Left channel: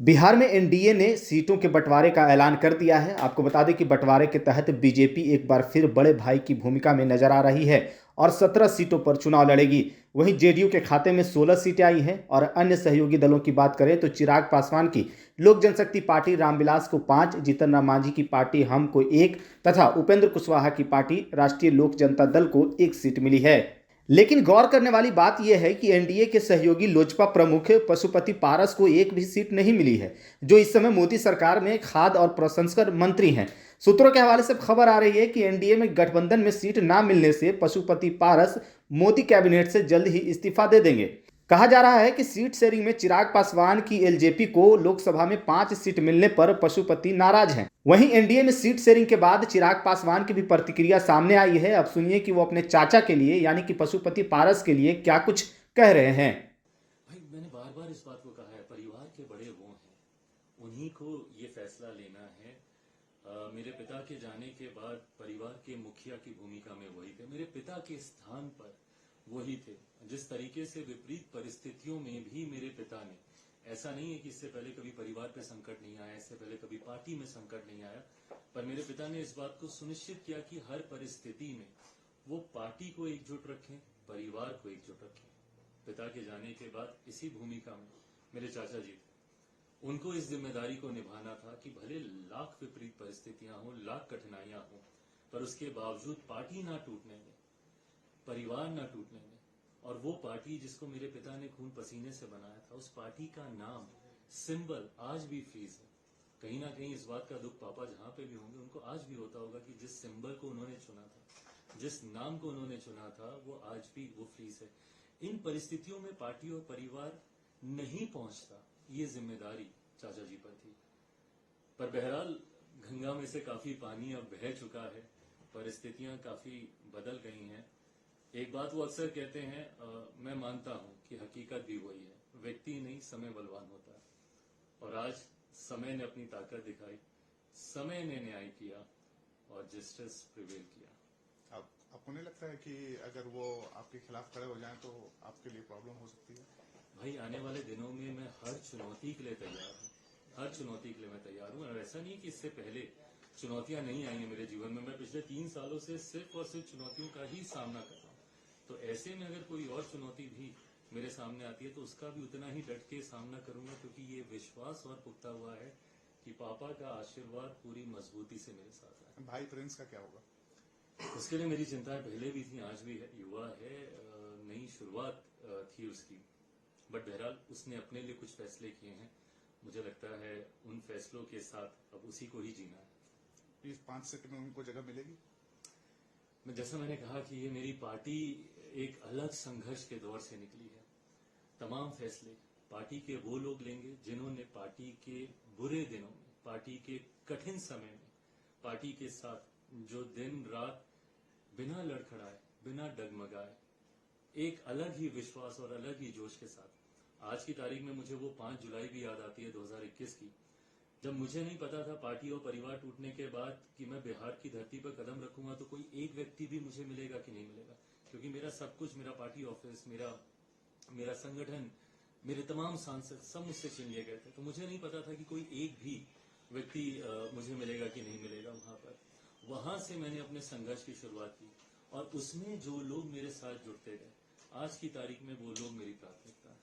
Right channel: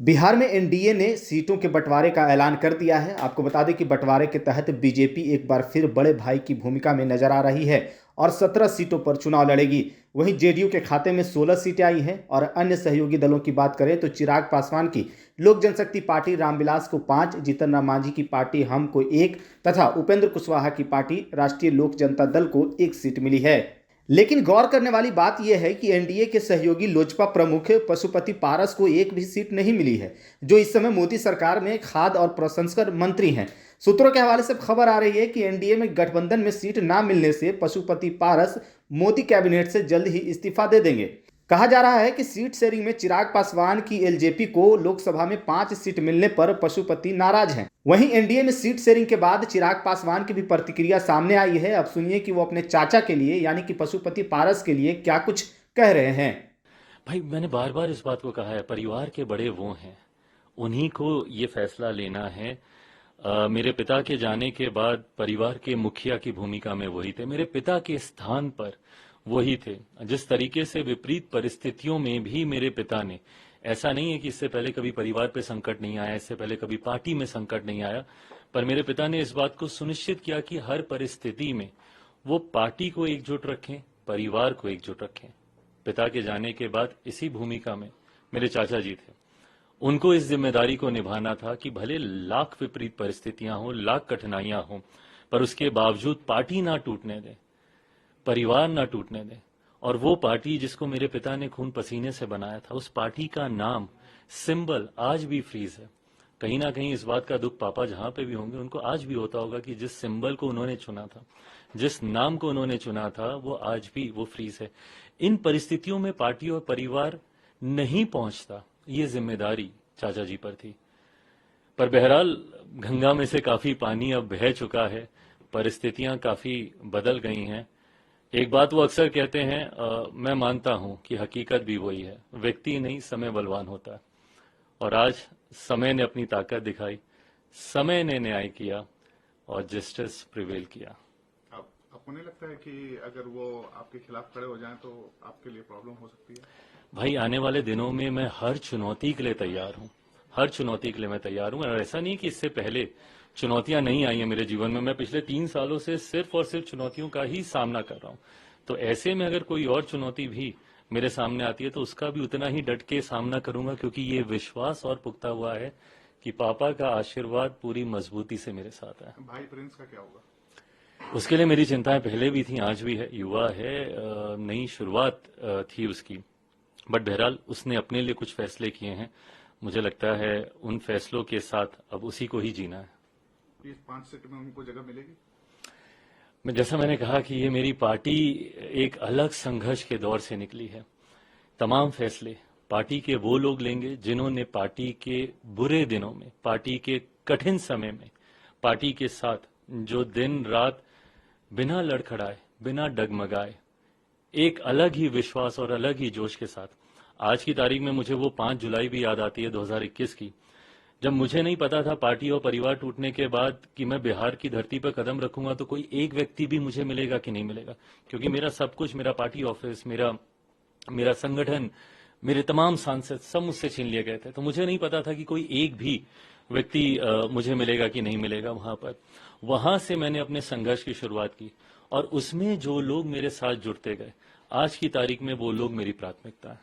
बिहार में एनडीए ने सीटों के बंटवारे का ऐलान कर दिया है। आपको बता दें कि बंटवारे के तहत बीजेपी एक बार फिर बड़े भाई की भूमिका में नजर आ रही है और 17 सीटों पर चुनाव लड़ेगी। वहीं जेडीयू के खाते में 16 सीटें आई हैं और अन्य सहयोगी दलों की बात करें तो चिराग पासवान की लोक जनशक्ति पार्टी रामविलास को 5, जीतन राम मांझी की पार्टी हम को 1 तथा उपेंद्र कुशवाहा की पार्टी राष्ट्रीय लोक जनता दल को 1 सीट मिली है। लेकिन गौर करने वाली बात यह है कि एनडीए के सहयोगी लोजपा प्रमुख पशुपति पारस को एक भी सीट नहीं मिली है, जो इस समय मोदी सरकार में खाद्य और प्रसंस्करण मंत्री हैं। सूत्रों के हवाले से खबर आ रही है कि एनडीए में गठबंधन में सीट ना मिलने से पशुपति पारस मोदी कैबिनेट से जल्द ही इस्तीफा दे देंगे। कहा जा रहा है कि सीट शेयरिंग में चिराग पासवान की एलजेपी को लोकसभा में 5 सीट मिलने पर पशुपति नाराज हैं। वहीं एनडीए में सीट शेयरिंग के बाद चिराग पासवान की भी प्रतिक्रिया सामने आई है। अब सुनिए कि वो अपने चाचा के लिए यानी कि पशुपति पारस के लिए क्या कुछ कह रहे हैं। भाई, मैंने बार बार इस बात को कहा है, परिवार के बड़े वो हैं, उन्हीं को ये फैसला लेना है। मेरे पिता के जाने के बाद परिवार के मुखिया की भूमिका में वही थे, मेरे पिता के स्थान पर वही थे। जिस तरीके से विपरीत परिस्थितियों में भी मेरे पिता ने, ऐसा नहीं है कि इससे पहले कभी परिवार पे संकट नहीं आया, इससे पहले कभी पार्टी में संकट नहीं आया, पर मेरे पिता ने इस बात को सुनिश्चित किया कि हर परिस्थिति में वो पार्टी को एकजुट रखें, परिवार को एकजुट रखें। पिता के जाने के बाद इसी भूमिका में मेरे चाचा जी थे। उनको इस जिम्मेदारी को निभाना था कि भले लाख विपरीत परिस्थितियां हों, लाख कठिनाइयां हों, पर उसके बावजूद पार्टी ना टूटने दें, परिवार ना टूटने दें। और वो पार्टी जिसको मेरे पिता ने खून पसीने से बनाया था, उस पार्टी का नाम, सिंबल आज भी फ्रीज है। कहीं ना कहीं इस बात का दुख पापा जहां पे भी होंगे उनको आज भी होता होगा कि जिस सिंबल को उन्होंने चुना था, जिस नाम को उन्होंने चुना था, वो आज भी वो फ्रीज है। इन परिस्थितियों में पार्टी और परिवार नहीं पहुंचता, ये जिम्मेदारी चाचा जी पर थी। पर बहरहाल गंगा में से काफी पानी अब बह चुका है, परिस्थितियां काफी बदल गई हैं। एक बात वो अक्सर कहते हैं, मैं मानता हूं कि हकीकत भी वही है, व्यक्ति नहीं समय बलवान होता है। और आज समय ने अपनी ताकत दिखाई, समय ने न्याय किया और जस्टिस प्रिवेल किया। आपको नहीं लगता है कि अगर वो आपके खिलाफ खड़े हो जाएं तो आपके लिए प्रॉब्लम हो सकती है? भाई, आने वाले दिनों में मैं हर चुनौती के लिए तैयार हूं, हर चुनौती के लिए मैं तैयार हूं। और ऐसा नहीं कि इससे पहले चुनौतियां नहीं आई हैं मेरे जीवन में, मैं पिछले 3 सालों से सिर्फ और सिर्फ चुनौतियों का ही सामना कर रहा हूं। तो ऐसे में अगर कोई और चुनौती भी मेरे सामने आती है तो उसका भी उतना ही डट के सामना करूंगा, क्योंकि ये विश्वास और पुख्ता हुआ है कि पापा का आशीर्वाद पूरी मजबूती से मेरे साथ है। भाई प्रिंस का क्या होगा? उसके लिए मेरी चिंताएं पहले भी थी, आज भी है। युवा है, नई शुरुआत थी उसकी, बट बहरहाल उसने अपने लिए कुछ फैसले किए हैं। मुझे लगता है उन फैसलों के साथ अब उसी को ही जीना है। इस 5 सीट में उनको जगह मिलेगी? जैसा मैंने कहा कि ये मेरी पार्टी एक अलग संघर्ष के दौर से निकली है। तमाम फैसले पार्टी के वो लोग लेंगे जिन्होंने पार्टी के बुरे दिनों में, पार्टी के कठिन समय में पार्टी के साथ जो दिन रात बिना लड़खड़ाए, बिना डगमगाए, एक अलग ही विश्वास और अलग ही जोश के साथ। आज की तारीख में मुझे वो 5 जुलाई भी याद आती है 2021 की, जब मुझे नहीं पता था पार्टी और परिवार टूटने के बाद कि मैं बिहार की धरती पर कदम रखूंगा तो कोई एक व्यक्ति भी मुझे मिलेगा कि नहीं मिलेगा। क्योंकि मेरा सब कुछ, मेरा पार्टी ऑफिस, मेरा संगठन, मेरे तमाम सांसद सब मुझसे छीन लिए गए थे। तो मुझे नहीं पता था कि कोई एक भी व्यक्ति मुझे मिलेगा कि नहीं मिलेगा वहां पर। वहां से मैंने अपने संघर्ष की शुरुआत की और उसमें जो लोग मेरे साथ जुड़ते गए, आज की तारीख में वो लोग मेरी प्राथमिकता है।